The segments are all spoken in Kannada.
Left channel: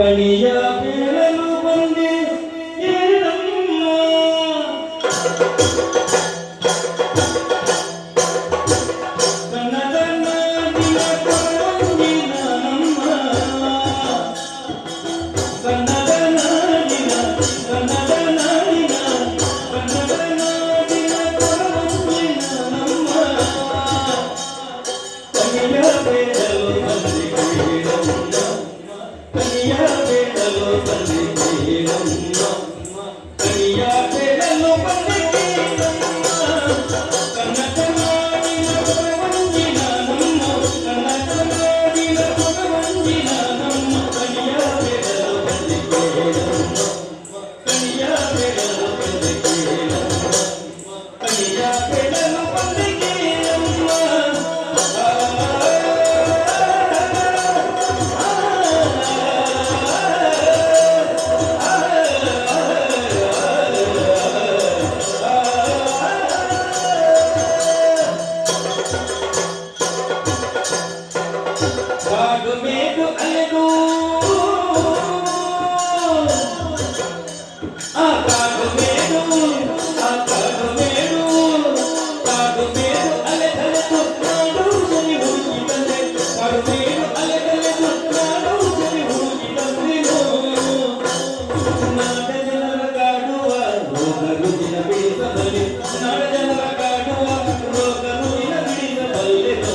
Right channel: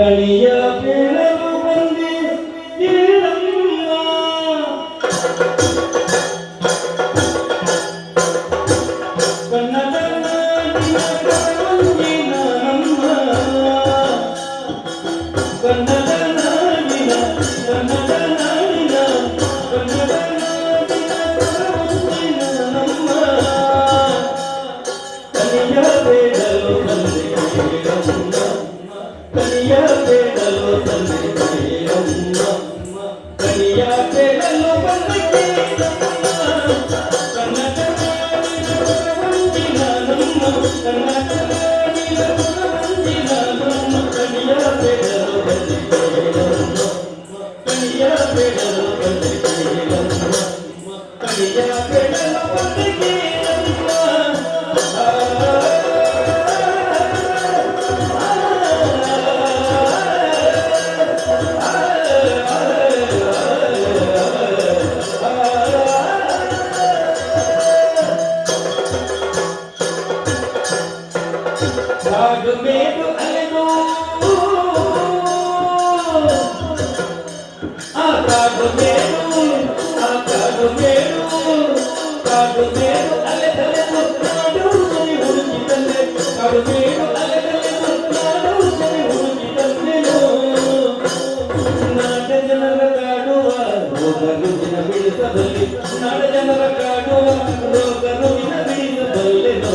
ಕಣಿಯ ಬೇಡಲು ಬಂದೆ ಕೇಳಮ್ಮ ಕನ್ನಡ ನಾಡಿನ ಕಣ್ಣಿನ ನಮ್ಮ ಕನ್ನಡ ನಾಡಿನ ಕನ್ನಡ ನಾಡಿನ ಕನ್ನಡ ನಾಡಿನ ಕಣ್ಣಿನ ನಮ್ಮ ಕಣಿಯ ಬೇಡಲು ಬಂದೆ ಕೇಳಮ್ಮ ಕನಿಯ ಬೇಡಲು ಬಂದೆ ಕೇಳಮ್ಮ ಕನಿಯ ಬೇಡಲು ಬಂದೆ ಕೇಳಮ್ಮ ಕನ್ನಡ ನಾಡಿನ ಮಂಜಿನ ನಮ್ಮ ಕನ್ನಡ ನಾಡಿನ ಮಂಜಿನ ನಮ್ಮ ಕನಿಯ ಬೇಡಲು ಬಂದೆ ಕೇಳಮ್ಮ ಕನಿಯ ಬೇಡಲು ಬಂದೆ ಕೇಳಮ್ಮ ಕನಿಯ ಬೇಡಲು ಬಂದೆ ಕಾಡು ಮೇಡು ಅಲೆದು ಆ ಕಾಡು ಮೇಡು ಅಲೆದಲೆದು ಕಾಡು ಸರಿ ಹುಡುಕಿದಂತೆ ಕಾಡು ಮೇಡು ಅಲೆದಲೆದು ಕಾಡು ಸರಿ ಹುಡುಕಿದಂತೆನೋ ನಾಡ ಜನರ ಕಾಡುವ ರೋಗ ರುಜಿನ ಬಿಡಿಸಬಲ್ಲೆ ನಾಡ ಜನರ ಕಾಡುವ ರೋಗ ರುಜಿನ ಬಿಡಿಸಬಲ್ಲೆನೋ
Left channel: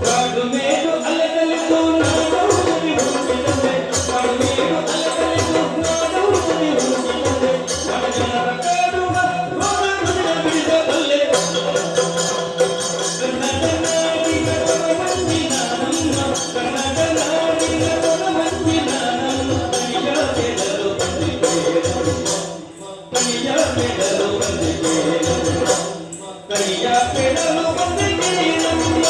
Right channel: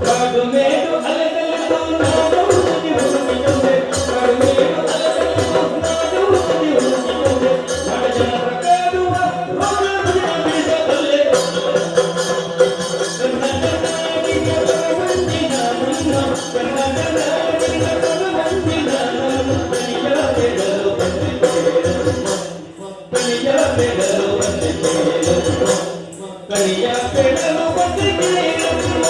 ಕಾಡು ಮೇಡು ಅಲೆದಲೆದು ನಾಡು ಸರಿ ಹುಡುಕಿದಂತೆ ಕಾಡು ಮೇಡು ಅಲೆದಲೆದು ನಾಡು ಸರಿ ಹುಡುಕಿದಂತೆ ನಾಡ ಜನರ ಕಾಡುವ ರೋಗ ರುಜಿನ ಬಿಡಿಸಬಲ್ಲೆ ಕನ್ನಡ ನಾಡಿನ ಮಂಜಿನ ನಮ್ಮ ಕನ್ನಡ ನಾಡಿನ ಮಂಜಿನ ನಮ್ಮ ಕನಿಯ ಬೇಡಲು ಬಂದೆ ಕೇಳಮ್ಮ ಕನಿಯ ಬೇಡಲು ಬಂದೆ ಕೇಳಮ್ಮ ಕನಿಯ ಬೇಡಲು ಬಂದೆ ಕೇಳಮ್ಮ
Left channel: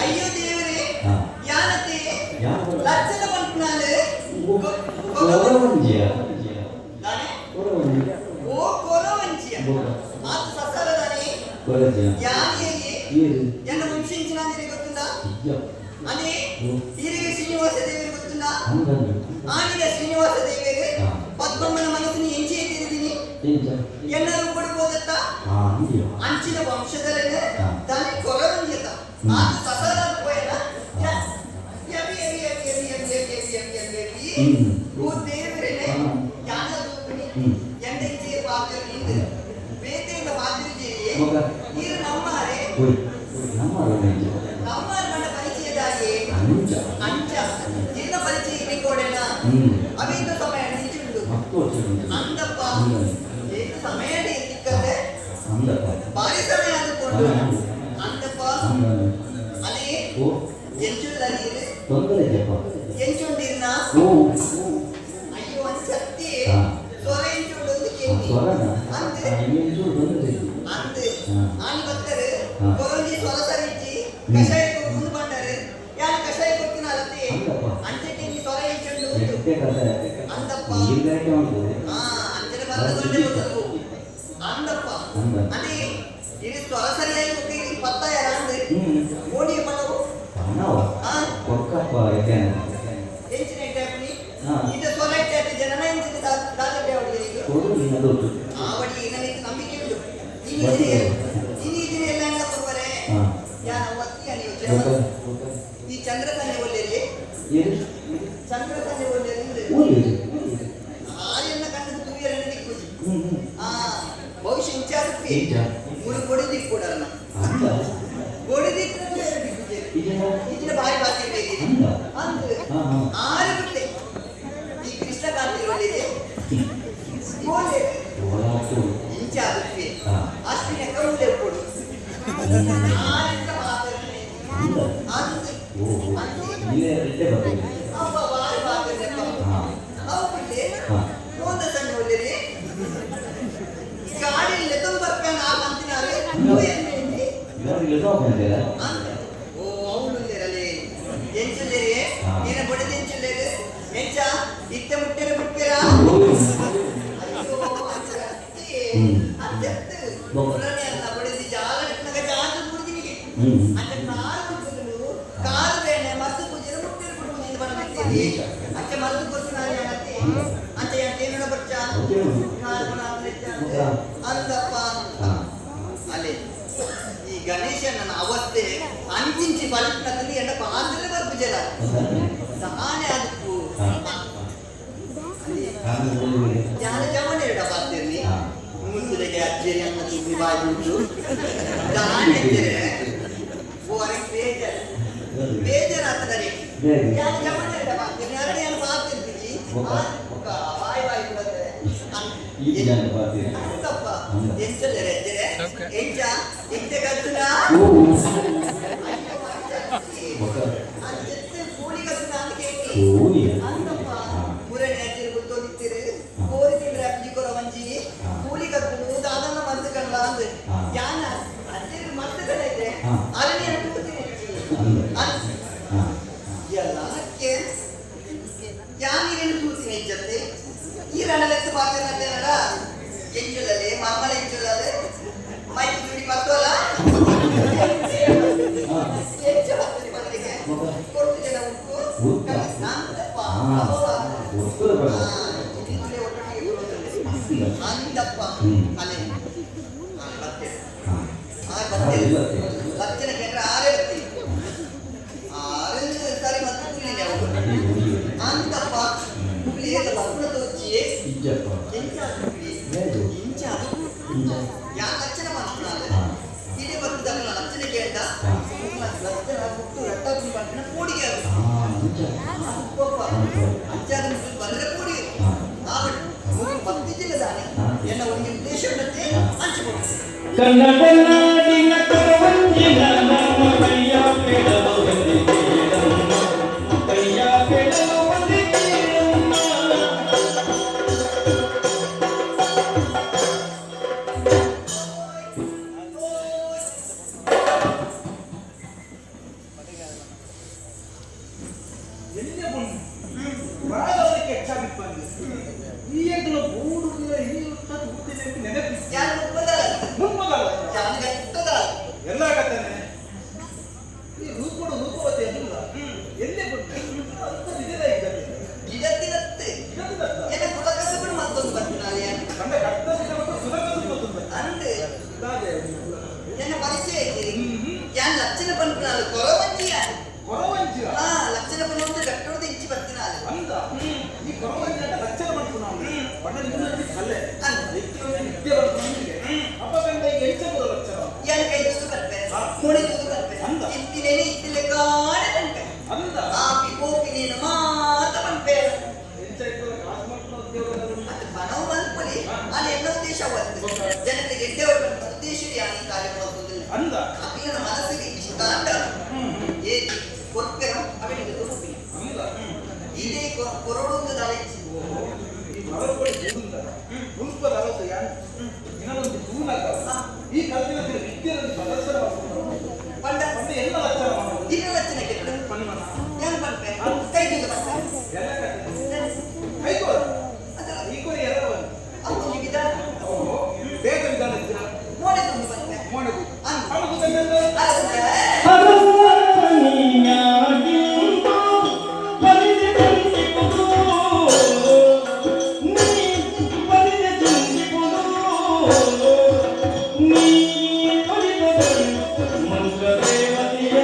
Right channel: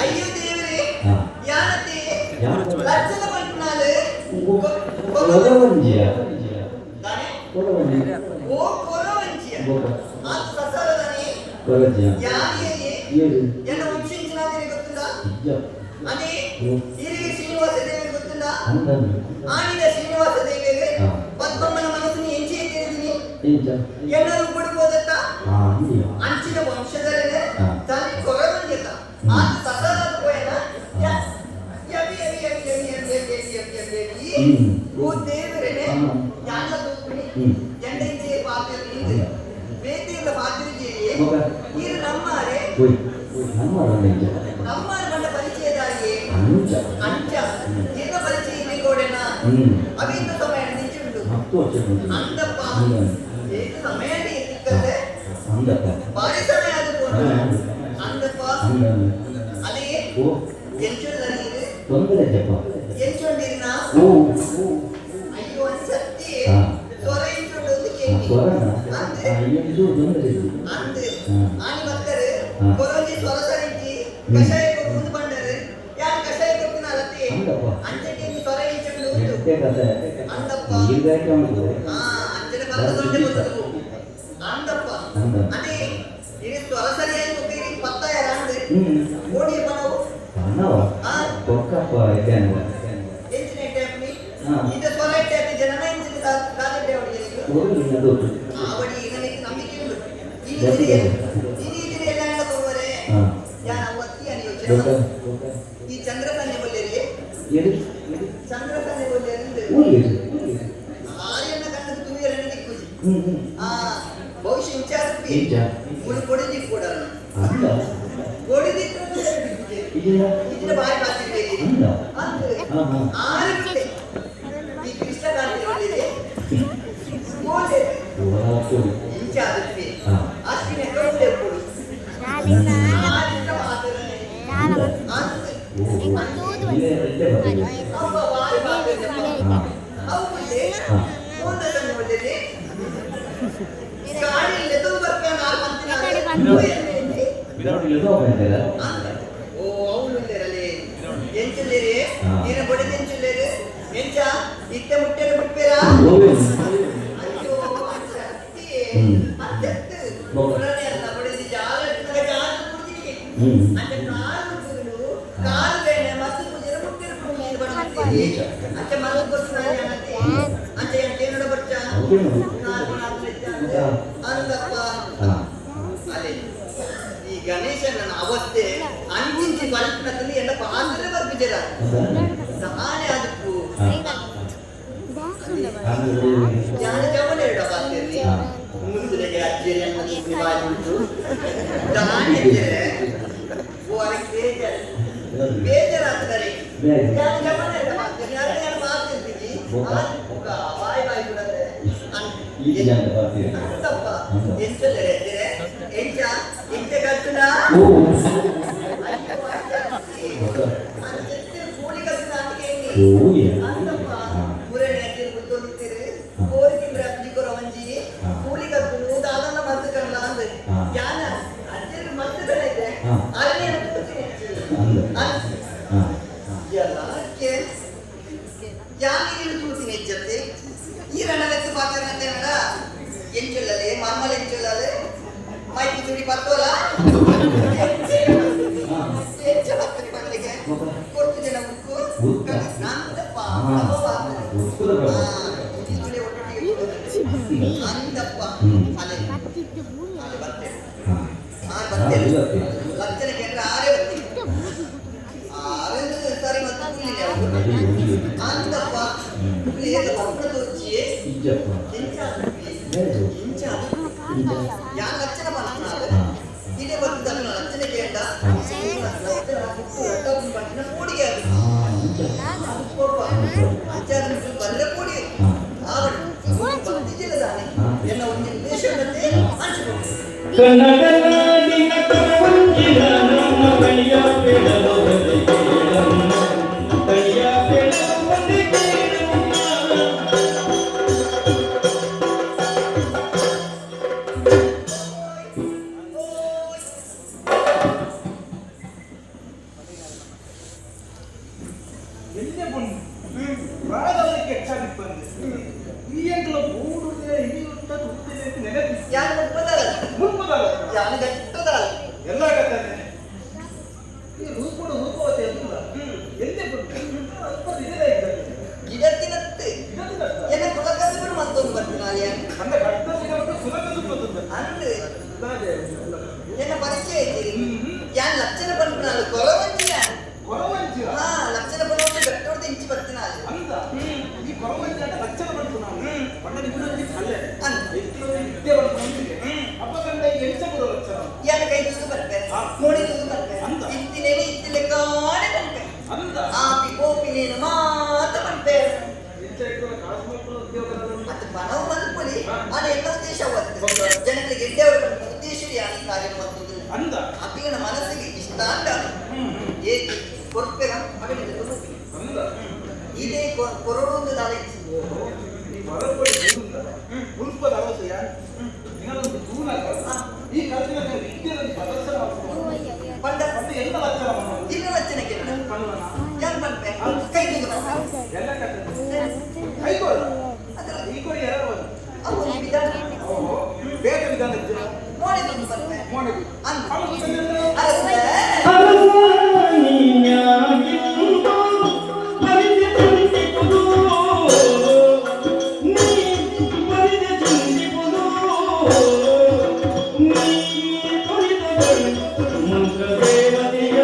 అయ్యో దేవుడే యానతి లక్షణ పంటున్నాలు కొరవంజియ దాని కొరవంజియ ఓ కొరవంజియ ఆ ససలదని కొరవంజియ యాని ఎన్న వంశించినది ಗೊತ್ತುಂದಾ అని ఇరిగి శ్రీనివాస దేవి ಗೊತ್ತುಂದಾ ಆನಿದ ಶ್ರೀನಿವಾಸ ದೇವಿಗೆ ಪದ್ಮಮ್ಮನ ಮನಸ್ಸಿನ ಎಂಚೆ ತಿರುಗಿನಿ ಎಲ್ಲರೂ ಬಿಡಬಹುದತ್ತ ಅಂಚಿನ ವಂಶದಲ್ಲೇ ತಾನೇ ಕೊರವಂಜಿಯ आज ससाला कोयना वो देवरे ने याना दोपनी ಎಂದೈತೆ ವಾಕ್ಯ ನಿಂದು ಬೇತೆಯ ವಾದ್ರಿ ಜೇಯೆ ನೀರು ನಮ್ಮರೆ ನಮ್ಮರ ಬಂಡ ಪರಿಚಯದಾಗಿ ಅಂಚ ಏನ ಪರಿಚಯ ಬೇಕೋಡೆನಾ ಅವಿಂದ ಸಮಯ ನಿಜುಂಡು ಅಂದಪ್ಪ ಏಕ ಸಮಯ ಇಕ್ಕದೆ ಬಾರಿ ಸಮಯ ಆದುಕೊಂಡು ಅಂದಪ್ಪ ಅಲ್ಲಿ ಎಂಚುಳ್ಳರಿಗಿದೆ ಎಂಚುಂಡಿರ್ನ ಅಯ್ಯೋ ಅನ್ಸತ್ತಿ ಸ್ವರ ಎಂಚುಂಡು ಅಂದೆ ಆನಿ ಬರ್ತಾರೆ ಕೊರೋಜಿ ಸ್ವರ ಸರಿಚಿ ಕಷಾಯ ಮುಂದೆ ಬಂದರೆ ಯಾರು ಕಷಾಯ ಕೊಟ್ಟಿನ ಅಲತ್ತೆ ಅಂಚೆಗೆ ನೀ ಸ್ವರ ಎಂಚುಂಡು ಅಂದಪ್ಪ ಅಂಚನೆ ಬರದೊಂಡೆ ಗೊತ್ತದು ಅಂದಪ್ಪ ಅದೇ ಇದು ಸ್ವರ ಸರಿಯಾಗಿ ಹೋಗಿ ಪತ್ತ ಯಾರಂದ್ರೆ ಓಡಿ ಬನವು ಎಂಚಿನ ಟೈಪ್ನಿ ಇದು ಸ್ವರ ಇಟ್ಟೆ ಜನನ ಎಂಚಿನ ದಾದಡ್ಡೆ ಅವಡಿಗೆ ಆವಡಿ ನನಗೆ ನಂಬಿಕೆ ಉಂಟು ನೀನು ಇದೆಲ್ಲ ಕೊಡುವರೆ ಯಾನ ಒತ್ತಿ ಅನಿಯೋಚನೆ ಈ ಚಂದ್ರಕನ್ಯೆ ಒಳ್ಳೆಯಲ್ಲಿ ಚಂದ್ರಕನ್ಯೆ ಒಳ್ಳೆಯಲ್ಲಿ ಆರ್ಯನ ಕಣ್ಣದ ತುವಿಯರನ್ನು ದಿಕ್ಕುಜಿ ಬಹುಶಃ ಇಂಚಾದಕ್ಕೆ ಮುಳು ಕೊಡಿದಿ ಕೂಡ ಕೊಡಿದಿಕ್ಕೂ ಇದರ ಬಾಯಿ ಬಾತಿರ್বে ಅಂದ್ರೆ ಆರು ಬಿಟ್ಟೆ ಈ ಕೃಷ್ಣಕಾಂತಿ ಒಳ್ಳೆಯಲ್ಲಿ ಕೋಲೆ ಇಂಚಾದಕ್ಕೆ ಅಶ್ವಿನ ಕರುಳೆ ಕೊಡು ಆರಿಂದ ಮಾತರನೆ ಅಂದ್ರೆ ಅಪ್ಪ ಬಾಯಿ ಬಾತಿರ್ಬೇಕು ಹೌದೇ ಹೋದ ಸಣ್ಣ ಒಳ್ಳೆಯಲ್ಲಿ ಗಾಡಿಯಲ್ಲಿ ಎದುರು ಬರ್ತಾನೆ ಆ ಮಂತಿನಾರೆ ಓ ಅವಳು ಇರಲಿ ಎಂಚಲ್ಲೇರಿ ನೀನು ಬಡಿದ ಎಂಚಲ್ಲೇರಿ ಎಂಚ ಇತ್ತೆ ಮುಟ್ಟೆರೆ ಬಿಟ್ಬೇರಾ ಅಯ್ಯೋ ಅಜ್ಜತ್ತು ಪುರಾಣಿ ಅಲ್ಲ ಬಡಿದ ಜಾಲ ಜಾತು ಕುಡಿದಿನಿಗೆ ಅಂಚ ಕಾಲು ಬಿಡುಗಳು ಕಾಲು ಬೇನೆ ಮಸ್ತು ಪೂಜೆ ಮುಟ್ಟೆರೆ ಬಿಡುವುದು ಬರಮತ್ತೀರಿ ಅಂಚ ಮರಳು ಕೊಟ್ಟು ನಾನು ಅನ್ನತ್ತೆ ಅಂಚ ಏನೋ ಬಚ್ಚ ಕಾಲು ಅಲ್ಲಪ್ಪ ಅದೇ ಈ ಗಣೇಶನ ಅವಸ್ಥೆ ಅಂಚಿಂಚಿ ಬಲ್ಪದಲ್ಲಿ ಎಲ್ಲ ಪಾತ್ರ ಬರ್ಬಿಜರ ತಾನೇ ಅದಕ್ಕೂ ಜ್ಞಾನ ಜವನ ಎರಡ ಪಾತ್ರೆಯಲ್ಲಿ ಮುಂದಿಗೆ ಅಜ್ಜರಿ ಅನ್ನೋದು ಉಂಟು ತಾನೇ ಬೇಜಾರಾಗ್ತದೆ ಜ್ಞಾನ ಜವನ ಎರಡ ಪಾತ್ರೆ ನಾನು ಪಾತ್ರೆ ಬಾಯಿ ಬಾಯಿ ಬಿಡತ್ತೆ ಅಂತಪ್ಪ ಎಂಚಲ್ಲರೆ ಎಂಚ ಎಂಚ ಕಟ್ಟುನ ಕೂಲಿ ಕಟ್ಟುನ ಅಂತಪ್ಪ ಮುರಳಿ ಅಜ್ಜರು ಗೊತ್ತೋದಿತ್ತೀರಿ ಕೋರಿ ತಿಂದ್ರೆ ಅಜ್ಜಿ ಕೊರವಂಜಿ ಕೂಲಿ ಕಟ್ಟುನು ದಾದನ ಮರ್ತಕಲ್ಲ ಅಂದ್ರೆ ಯಾನ ಅಜ್ಜರು ಮರ್ತಕಲ್ಲೈತೆ ಅರಣ್ಯ ಎಲ್ಲಕ್ಕೆ ಯಾನಿರೇನು ತೂತಿನ ಹೆಚ್ಚತ್ತೆ ಈ ರಣಲೆತ್ತು ಮಾತನಾಡ್ತೇನಡ ಎಂಚಲ್ಲದೆ ಮರ್ಮಲೆ ಎಂಚಲ್ಲದೆ ಮೈಕ್ ತುಡಿ ಪತ್ತೋಲ ಹೆಚ್ಚು ಹತ್ತಿರ ಬಂದಿಗೆ ಕೊಡ್ತು ಜನ ಮುಕ್ಕು ನಂತಪ್ಪ ಅಂತಪ್ಪ ಅಲೆ ಬರ್ತೇನೆ ಬರ್ತೇನೆ ಕೇಂದ್ರ ಆರೇ ಬರ್ತೀನಿ ಆರೆಂದು ಸರಿ ಮತ್ತೆ ಕುಳ್ಳಿಲ್ಲ ಅವರು ಅಂತಪ್ಪ ಕುಳ್ಳಿ ಎಲ್ಲ ಮಕ್ಕಳ ತೋಚಿಯೇ ಯಾರು ಲಕ್ಷಣ ಮಾಡ್ತಾರೆ ಇದೇ ಬಂದ ಲಕ್ಷಣ ಕೇಂಡ ಲಕ್ಷಣ ಮುಟ್ಟು ರಟ್ಟ ಪಟ್ಟಿನ ಕೂಡಿಗೆ ಅಜ್ಜಾದ ಬಂದ್ರೆ ಕೂಡಿ ಆವಟ್ಟು ಭಕ್ತಿ ಜಿಲ್ಲದಾನೆ ಎನ್ನ ಒಂದು ಉದ್ದೇಶವನ್ನೇ ಲಕ್ಷಣ ಪಂಪನಾಲು ಕೊರವಂಜಿಯ ಲಕ್ಷಣ ಪಂಪು ಗಟ್ಟೋಡ್ದು ಇಂಚಿ ಬರ್ತಿನಾಲು ಈ ಕೊರವಂಜಿ ಅಂತ ಲಕ್ಷಣ ಪಂಪು ನಾವು ಪಂಡ ನಿಮ್ಮಲ್ಲಿ ಕಲ್ಲೆ ವಿದ್ಯೆ ಬರ್ತೀನಿ ಅಪ್ಪ ಕಂಡ ಈಗ ಎಂಚ ಬರೋ ಲಕ್ಷಣ ಯಾನ ಕೈ ತೂದು ಬರ್ತೆ ಮೋಡಿ ತೂದು ಬರ್ತೆ ಇತ್ತಿನೇನೆ ಇತ್ತಿಲೆ ಕಾಣೆ ಪಂಪೆ ಆ ಪಿಪೋಪಿನೇನು ಮಾತ ಪಂಪೆ ಎಂಚ ಇಟ್ಟು ಕಾಸು ಮಕ್ಕಳು ಉದ್ಯೋಗದಲ್ಲಿ ಅದು ಬನವು ಮಲ್ಪಲಿ ಅಲ್ಲಿ ಎಲ್ಲ ಉದ್ದೇಶ ಅವತ್ತು ಜನಗಳಿಗೆ ಎಡ್ಡೆವರು ಬಂದ ಉದ್ದೇಶವೇ ಯಾನಿ ಕಾರ್ಯ ಮತ್ತು ಅಂದ ಅಕ್ಕಿನ ಮನಸ್ಸಿಗೆ ಇಷ್ಟ ಅಂಡ ಏಕೆ ಕೊರ್ಪೆರ ಅವನಿಗೆ ತುರುಪಿನ ಅಂದ ಇದೇ ಕೊರಡೊಂದು ದಲೆ ಈ ಮರಪಡಿ ದೂನದ ತುರುಪದ ಅವತ್ತು ಯಾರು ಇನ್ನೊಂದು ದೂನಕ ಈ ಕಲ್ಪಿನ ವಿದ್ಯೆಯಲ್ಲಿ ಪ್ರದರ್ಶನ ಪಂಡ ಪಂಡ ಎಲ್ಲ ಲಕ್ಷಣ ಈಗ ಲಕ್ಷಣಕ್ಕೆ ಪನ್ವನ ಏನು ಬಂತೆ ಕೈ ತೂದು ಬಂತ ಎಲ್ಲ ಕಟ್ಟೆ ಕೈ ಕೊಡ ಅದಲ್ಲ ಈ ಕೊಡಿ ಎರಡು ಅವು ಈ ವಿಧಾನ ಓಹೋ ಬೇಗ ವಿಧಾನ ಇದ್ದೀರಾ ಮೋಡಿ ತಂದು ಬಂತೆ ಮೋಡಿ ಅಲ್ಲ ಮಂತ್ರ ದೇವತೆಯ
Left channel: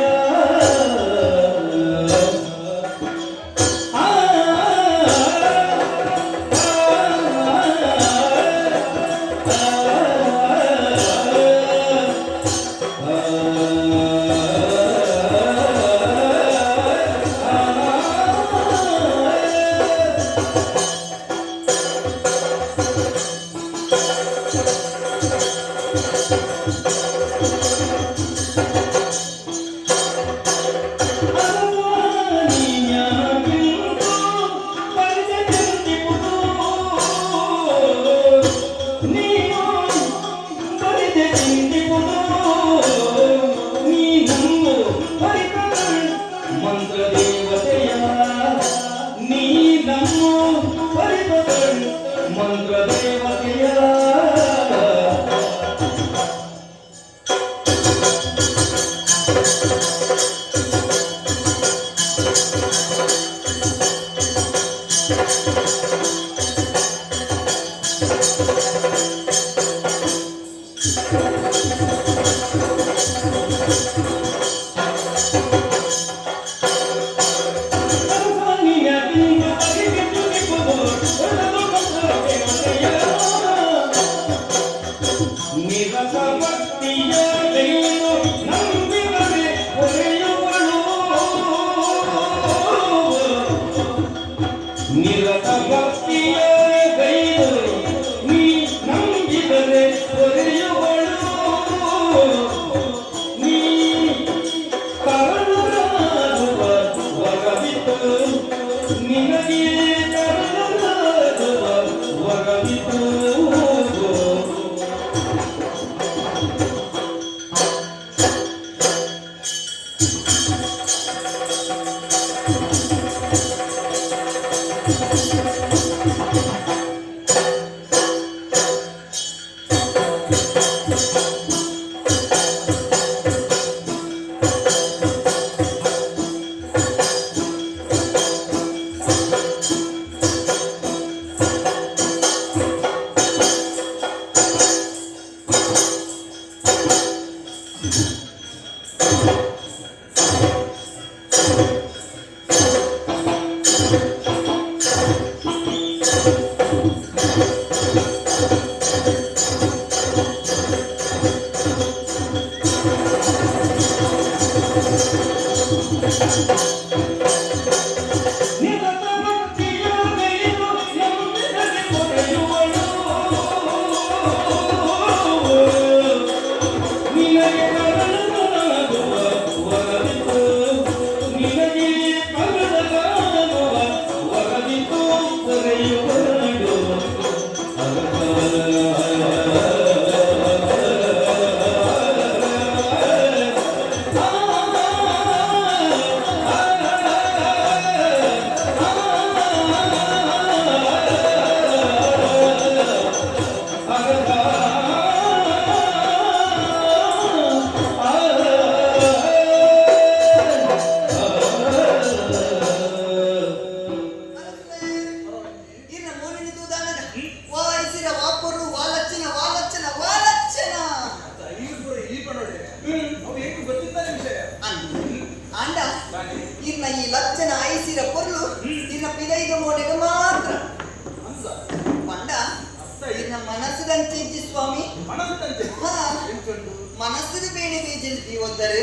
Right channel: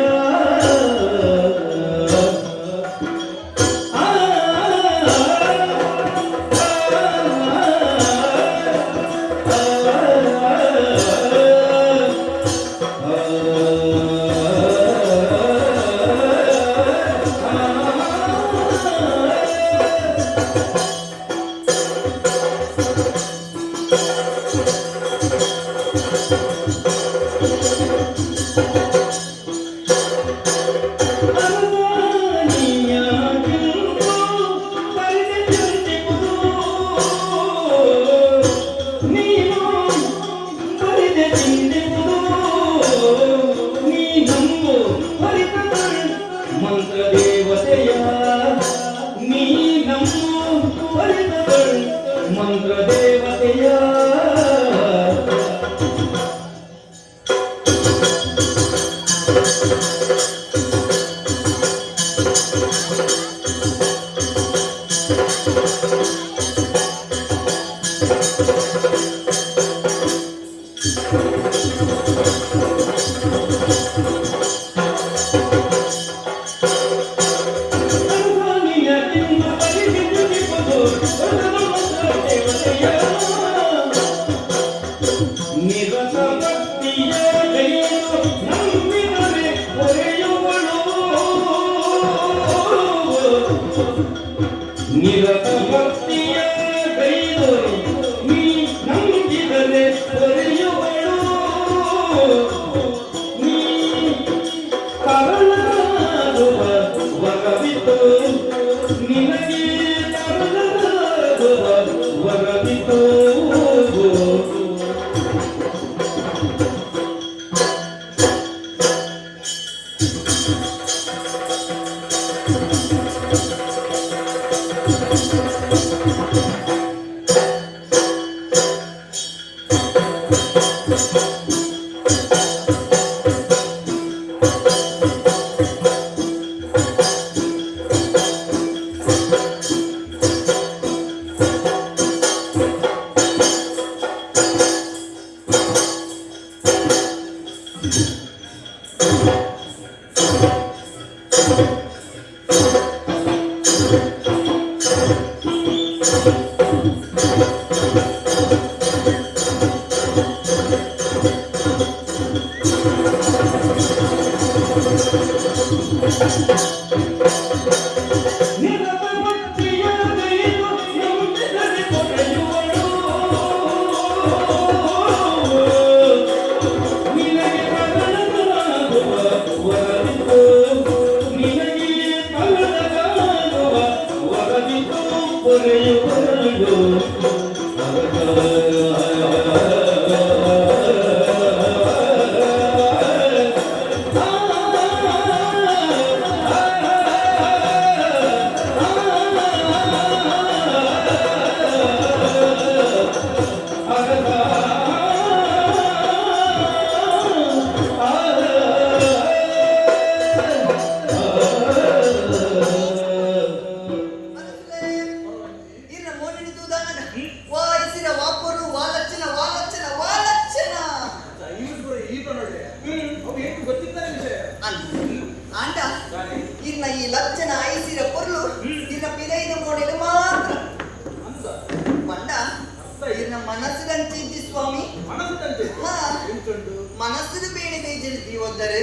ಮನಸ್ಸಿನ ಬೇಳೆ ಬೀಜ ಒದ್ದರೆ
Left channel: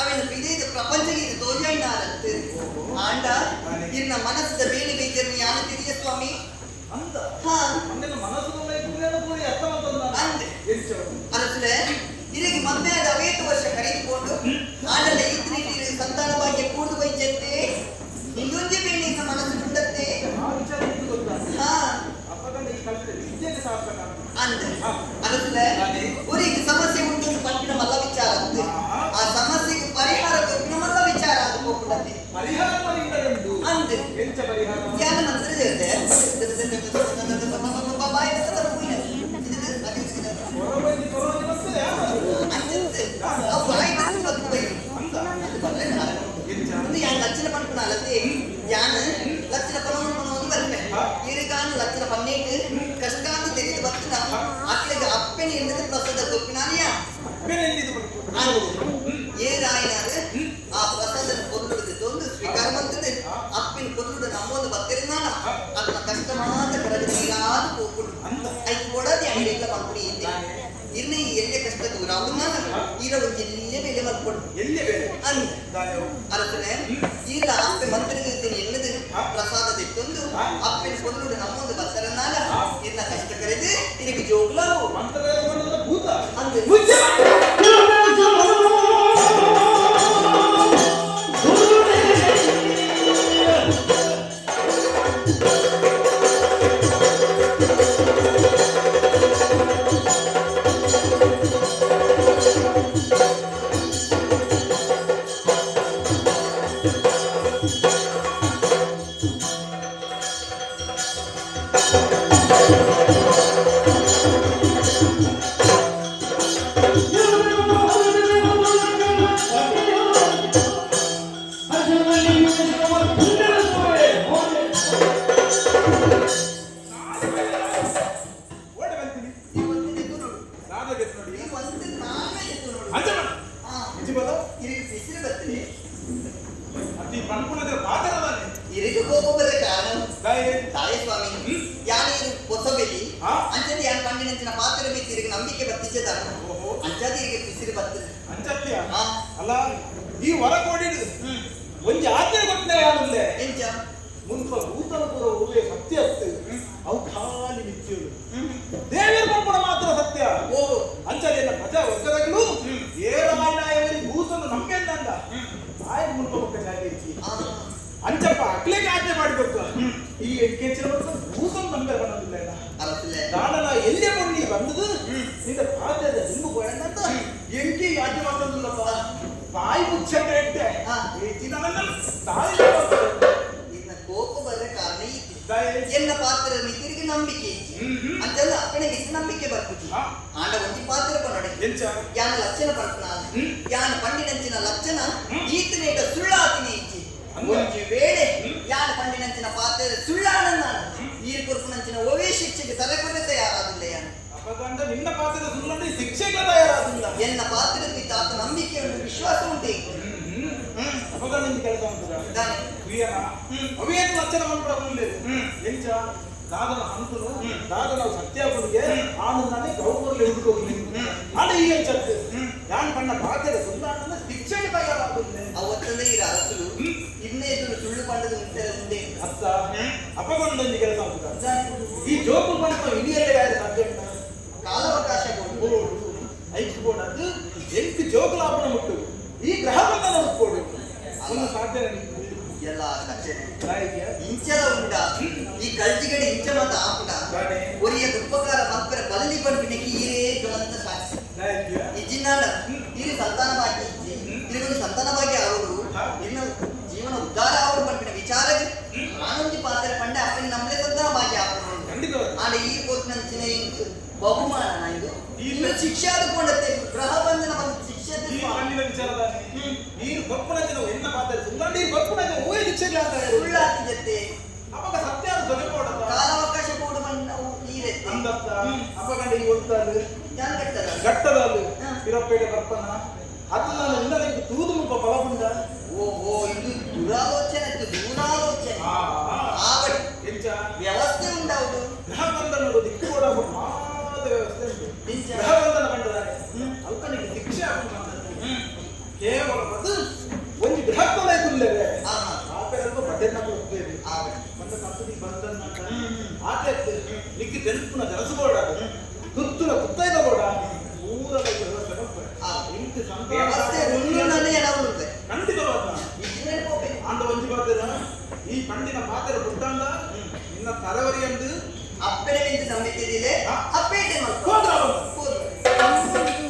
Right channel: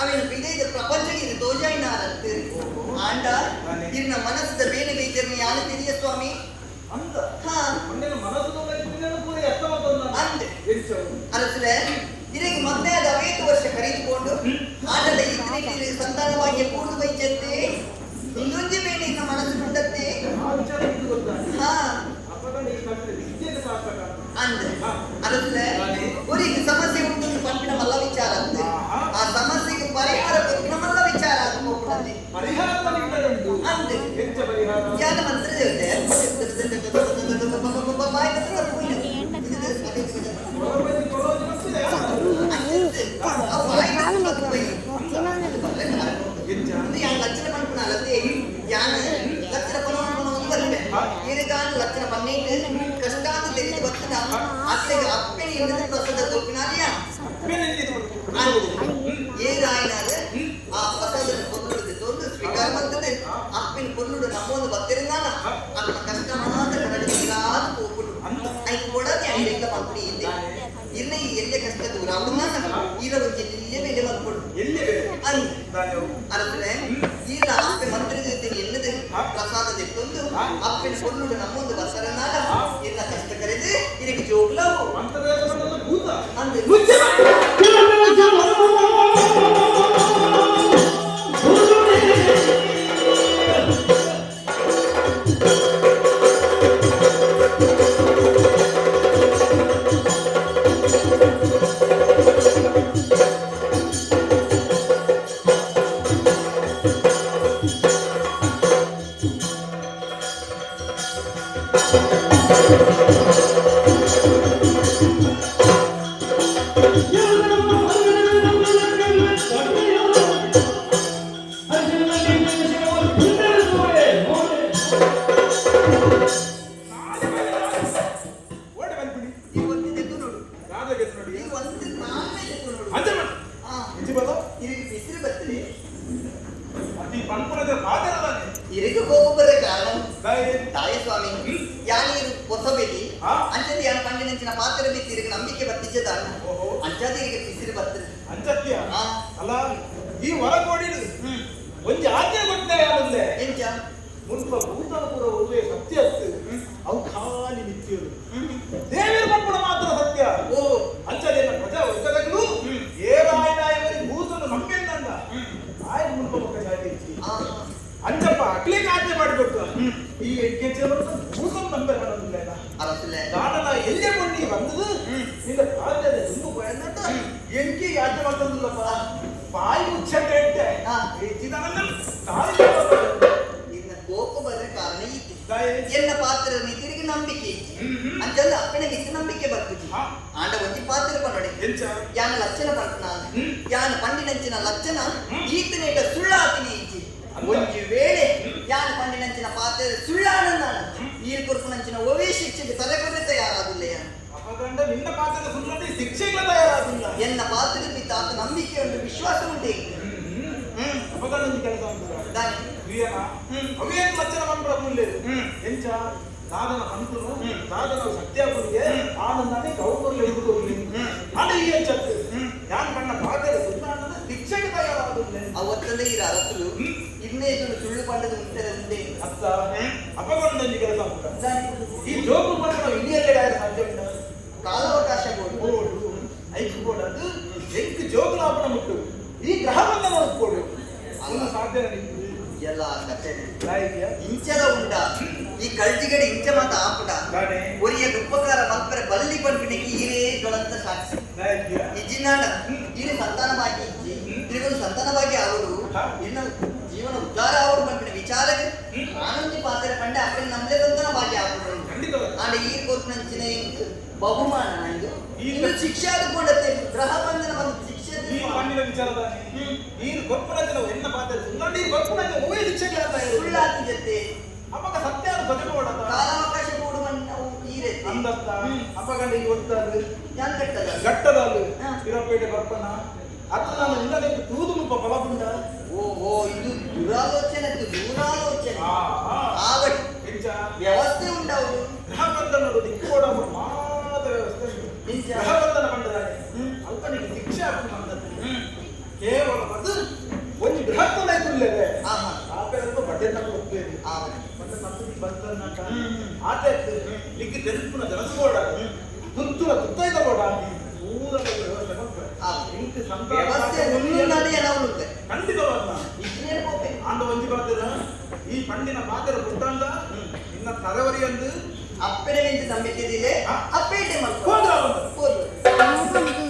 ಅವನ ಬಿದೈದ ಪ್ರಪಂಚಕ್ಕೆ ತೋಜಾಯಿನಾರಂತೆ ಆಂಡ ಇನ್ನ ಮನಸ್ಸಿದ ಬೇಳೆ ಬೀಜನ್ನು ಯಾರು ತಿಳಿಯ ಸ್ವಾಮಿ ಅಂತ ಮನಸ್ಸು ಅಂದೆ ಅನಸಲೆ ಇದಕ್ಕೆ ಮತ್ತೆ ಅದು 5 ವರ್ಷ ಕರೆದುಕೊಂಡು ಆಡಲ ಈ ಸಂತಾನ ಭಾಗ್ಯ ಕೂಡು ಬೈಚಂತೆ ಇನ್ನೊಂದು ಬೇಳೆ ಇನ್ನ ಮನಸ್ಸು ಬಿಟ್ಟತ್ತೆ ಅಂದೆ ಅನಸಲೆ ಊರಿಗೆ ಸಮಸ್ಯೆ ಉಂಟು ಪಂಪಿನ ಮಲ್ಲ ವಿಚಾರ ಅಂತೆ ಆ ಸಮಸ್ಯೆಗೆ ಪರಿಹಾರ ಪಂಪಿನ ಮಲ್ಲ ವಿಚಾರ ಅದು ಹೋಗ್ಬಿಡತ್ತೆ ಪರಿಹಾರ ಅಂತೆ ಜ್ಞಾನ ಮಂತ್ರ ದೇವತೆ లక్షణ పనుకున్నాలే యాన లక్షణ పనులు వల్లే ఏరుగాను లక్షణ పన్నీటి కష్టాలు తెలిసి వస్తున్నా అక్కడికి అప్పిని ఎందుకు ప్రసద దొరికినారియా ఏ రాయినారు ఆ ప్రసద పొరుడు దొందు స్వీకారమంతుడు అప్పిని పొరుడు నమ్మోదు బతిరినాన అతను కష్టమాన కరడిరాదు పోకుడు అయి కూడా అంగడిక పంపిణీ ಇನ್ನ ಎಲ್ಲೇ ಕಷ್ಟ ದೂರ ಅವನ್ನ ಇರೋ ಎಲ್ಲೇ ಬೆಲೆ ಮಾಡ್ಕೊಡು ಎಲ್ಲೇ ಬೆಲೆ ಅರ್ಥನೆ ಇಲ್ಲ ಅಪ್ಪೆ ಮಂತ್ರಿದ್ದೀನಿ ಎಲ್ಲದೆ ಪ್ರಸಾದ ತೆಕ್ಕೊಂಡು ಅಪ್ಪನ ಕೊಲ್ಲುಡು ನಮ್ಮೊಂದು ಬಸರನಾಲ ಎಲ್ಲ ಕಷ್ಟ ಕರೆದು ಇದಕ್ಕೆ ಜೋಗ್ಲಾವು ಮಂತ್ರ ಭೂತ ಅಂದ್ರೆ ತಿರುಗಿ ಬಿಸಿರು ಬರ್ತದೆ ಅಂಚತ್ಯ ಹಾ ಅಲ್ಲ ಈ ವರ ಕೊಡಿಡು ಒಂಜಿ ಆಜ್ಞೆ ಕೊಟ್ಟೆ ಯಾನಲ್ಲೇ ಎಂಚ ಮುನ್ಪ ಭೂತನ ಪುರ ಉವೆ ಸತ್ಯ ಅತ್ತು ಅವು ಖಾಲಿ ಮಿಥ್ಯರು ದೇವರ ಪಪ್ಪಣ ಮಾತ್ರ ಸತ್ಯ ಓ ಅಂಚಲೇನ ಪ್ರಜಾ ವರ್ಗದಗಳು ಏರಾಯನಾಯವರಿ ಭೂತನ ನಂಬೆಂದಂದ ಆಯ್ತು ಮುನ್ಪ ಮಕ್ಕ ಜಾಗಿರಿಸಿ ಅಂಚಪ್ಪ ಅಕ್ಲಿಗೆ ಆಜ್ಞೆ ಮಾಡಿಕೊಟ್ಟು ಈ ಕೆಚ್ಚಲ ಭೂತನ ನಂಬೆ ಬರೋದಿಲ್ಲ ಅರಸಿಲ್ಲ ನಾನಲ್ಲ ಎಲ್ಲೇ ಕೊಂಡಿ ಬಂದದು ನಿನ್ನ ಪಾದದ ದುಂಬು ಕೊಯಂದಂತ ಎಂಕಿ ಆಜ್ಞೆ ಮಾಡ್ತದಿಲ್ಲಪ್ಪ ಬಾಯಿ ಮುಚ್ಚಂಡೆ ಇಟ್ಟೆ ನಿನ್ನ ಕೋಪ ಬರ ಕಾರಣ ಈತಿ ಎನ್ನ ಪಾತ್ರ ನೀ ತಿರುಗಿ ನಂಬಿಕೆ ಅಂತಂದ ಅಪ್ಪಣೆ ಬಿಸಿ ನಂಬಿಕೆ ಬರ್ಪುಜಿ ಆಂಡ ಒಂಜಿ ಪಾತ್ರ ಪನ್ನಡೆ ಎಂಚ ಯಾನ ಲಕ್ಷಣ ಪಂಪನ ಯಾನ ಪಂಡಿನಂಚಿನ ಲಕ್ಷಣ ಈತನೇಟ ಸುಳ್ಳಾತಿನಿ ಇಜ್ಜಿ ಒಂಜಿ ವೇಳೆ ಯಾನ ಪಂಡಿನಂಚಿನ ಪಾತ್ರ ಸುಳ್ಳಾನಂದ ಈ ಕುರುಪುನಂಚಿನ ಒವೇ ಶಿಕ್ಷೆಗೆ ತಲೆ ಕೊಟ್ಟೆ ತಯಾರಾದಿಲ್ಲ ಯಾನು ಅಪಗಂಡ ನಿನ್ನ ಪಾತ್ರದ ಸುಳ್ಳಾಡಿ ಶಿಕ್ಷೆಗೆ ತಯಾರಾದಿಲ್ಲ ಎನ್ನ ಪಾತ್ರದ ತಾತ ನಂಬಿಕೆ ಉಂಟು ವಿಶ್ವಾಸ ಉಂಟು ಅಪಗಂಡ ಕೆಲಸ ಉಂಟು ಅವೇನು ಲಕ್ಷಣ ಮಂತ್ರ ಎಂಚ ದಾದನ ಹಂತನು ದಾದನ ಸತ್ಯಾಪುರಿಗೆ ಆನಂದನೇ ಗೌರವಲ್ಲಿ ಹಿಡಿದುಕೊಳ್ಳಿ ಆಡ ಈ ಎಂಚತ್ತು ಯಾನ್ ಕಣ್ಣ ಪಾತ್ರದ ಸುಳ್ಳಾಡನ ಶಿಕ್ಷೆಗೆ ತಯಾರಾದಿಲ್ಲ ಅವತ್ತಂದೇ ಈ ಅರಸಲು ಇನ್ನೇ ಸುಳ್ಳು ಪಂಡದ ಮುಂಚೆ ಮುಂದೆ ಅತ್ತ ಅಪಗೊಂಡೊಂದು ಕೆಲಸ ಉಂಟು ಈ ಜೋಕು ಪಂಡ ಇಡಿಯಲ್ಲೇ ಯಾರು ಸಾಧ್ಯ ಉಂಟ ಕಾಲಾವಕಾಶ ಬೋರ್ಡು ಐಕ್ ಬೋರ್ಡ್ ಅದು ಎಂಟು ಜೋಗುಲಾಪನ ಮುಟ್ಟು ಈ ಗ್ರಹ ಬಂಧನ ಒಪ್ಪಿಕೊಡು ಅವನು ಸಾಧ್ಯ ಎಲ್ಲ ಕಥೆ ಇಂಚಲ ಉಂಡ ಈ ಕಳ್ಜಿಗಡೆ ಇಂಚ ಮಾತ ಆಪುಡ ಒರಿಯ ದುಪ್ಪಕಾರ ಮಲ್ಪರೆ ಬಲ್ಲಿ ಪಂಪಿನಿಗೆ ಈರೇ ಜ್ವಲಂತ ಸಾಕ್ಷಿ ಈ ಜಿನ್ನಾಡ ಈರು ಸಂತಾನ ಭಾಗ್ಯ ಇಜ್ಜಿ ಇದಕ್ಕೊಂದು ಸಂತಾನ ಭಾಗ್ಯ ಆವಡು ಇನ್ನು ಜೀವನ ಉದ್ಧಾರ ಆವಡು ಪಂಪಿನ ವಿಚಾರಕ್ಕೆ ಆನಂದಿ ಪಾತ್ರ ಪಂಡೆ ಅಪ್ಪನ ನಮ್ಮಲೆ ಸಂತಾನ ಭಾಗ್ಯ ಆವಡು ಆಡ ಈ ಕೋರ್ಪಿನಂಚಿನ ಬಹುಮಾನ ಇದು ಇನ್ನು ಶಿಕ್ಷೆ ಆದುಕೊಂಡತ್ತೆ ಗ್ರಹ ಬಂಧನ ಬಂದು ಶಿಕ್ಷೆ ವಿಚಾರದ ನೀರು ಗೊಪ್ಪನ ಜನ ಎನ್ನ ಪಾತ್ರ ಸುಳ್ಳಾಡಿ ಗೊಪ್ಪನ ಜನ ಓಯ್ ಶಿಕ್ಷೆಗೆ ಸುಳ್ಳಾತಿ ಜೊತೆ ಅವಾಗ ಸತ್ಯ ಬದುಕೋಡ ಕಾಲಾವಕಾಶ ಬೋರ್ಡು ಬಂದ ಈರೆ ಅಂದತ್ತ ಅಪಗಂಡ ಈ ಒಟ್ಟಾದು ಯಾನ್ ಕಟ್ಟದ ಗಟ್ಟದಾಲು ಇರಪೇಟೆ ಬರ್ಪನ ಅದು ನಾನು ನಿನ್ನಲ್ಲಿ ತೂದು ಮುಪ್ಪ ಫಲಪುಂಡ ಓಹೋ ಇದು ದುರಾಲೋಚನೆ ದೂರಾಲೋಚನೆ ಆಗಡಿ ಎಂಚ ವ್ಯವಸ್ಥೆ ಉಂಡಾವುದು ಗ್ರಹ ಬಂಧನ ದಿಕ್ಕು ಕೂಡ ಮಾದ ವ್ಯವಸ್ಥೆ ಎಂಚ ಗ್ರಹ ಬಂಧನ ಬಂದಿದ್ದಾರೆ ಅಲ್ಕನಿಗೆ ಶಿಕ್ಷೆ ಆಗುದು ಕೇವಲ ಅದು ಒಂದು ಬೃಹತ್ತಲ ಇಲ್ಲವೇ ಆ ಕಡೆ ಬಡ್ಡೆ ನಾವು ಹೋಗ್ತೇವೆ ಬಂದ ಸಂಪತ್ತಿ ಬಂದ ಆಚೆ ಲಿಕ್ಕಿ ತೆಲುಪುನ ಜನಸುಗೋಡ ತುತ್ತುನ ತುತ್ತೈದ ಗೋಡ ಮೂರರ ವ್ಯವಸ್ಥೆ ಉಣ್ಣುನಲ್ಲಿ ಏನಾಗುತ್ತೆ ಖಂಡಿತವಾದ ಅಂದ ಒಂಜಿ ಬರ್ತಿದ ಈ ಪಂಡಿನ ಪಾತ್ರ ಪುಟ್ಟಂದ ಇನ್ನ ತರವರಿಯಂದು ಅಪ್ಪೆಡೆ ನಂಬಿಕೆ ಅಪ್ಪೇಟೆ ಹೋದ್ರ ಹೋದ್ರು